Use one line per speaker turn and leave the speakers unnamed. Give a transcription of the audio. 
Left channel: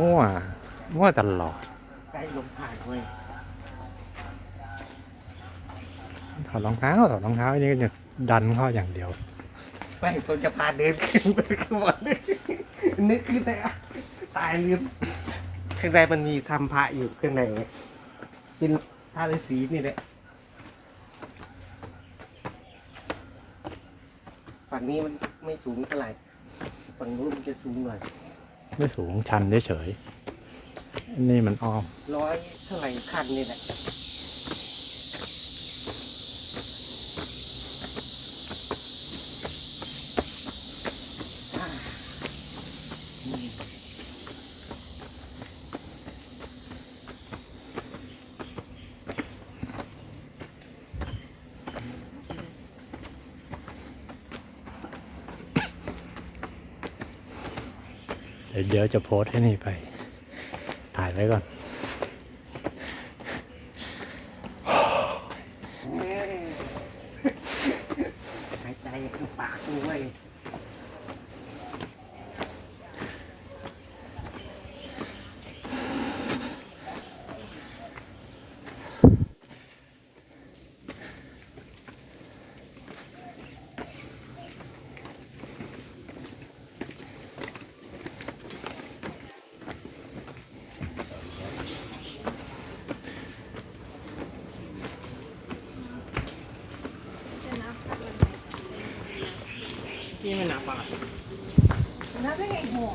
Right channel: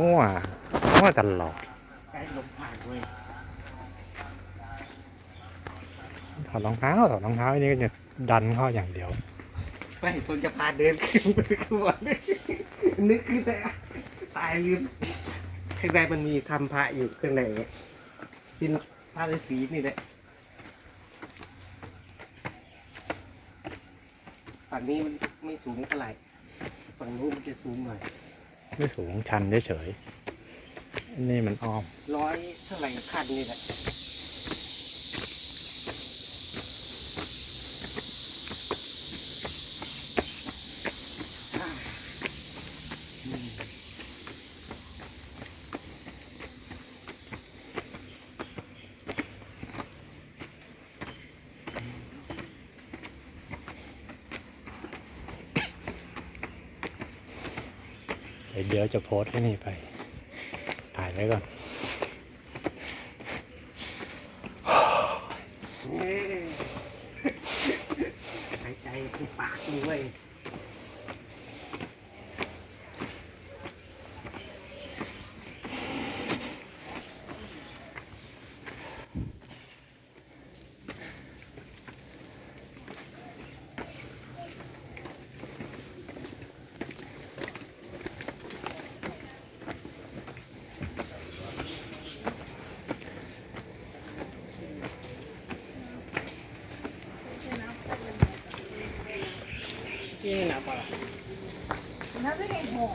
มั่ว มั่วตลอด
ใกล้ลมผ่านเลย
ถอดรองเท้าถอดรองเท้านี่ก็จะดันเข้าอย่างเดียว
ไม่ต้นจะพาเดินขึ้นไปข้างบนนึกขึ้นไปอะตายลืมข้างในมันมีทำพระอยู่ข้างในเป็นพระฤาษีนี่แหละฝั่งนี้มันไม่สูงเท่าไหร่ฝั่งนู้นมันจะสูงหน่อย
ไม่สูงชันเฉยๆอันนี่มันอ้อม
ร้อยเท่าไหร่คันนี่แหละ
เดี๋ยวจะโพสต์ให้นี่ไป ถ่ายไว้ก่อน
หายใจคือปากด้วย Yan
yung napaka. Nabilig mo.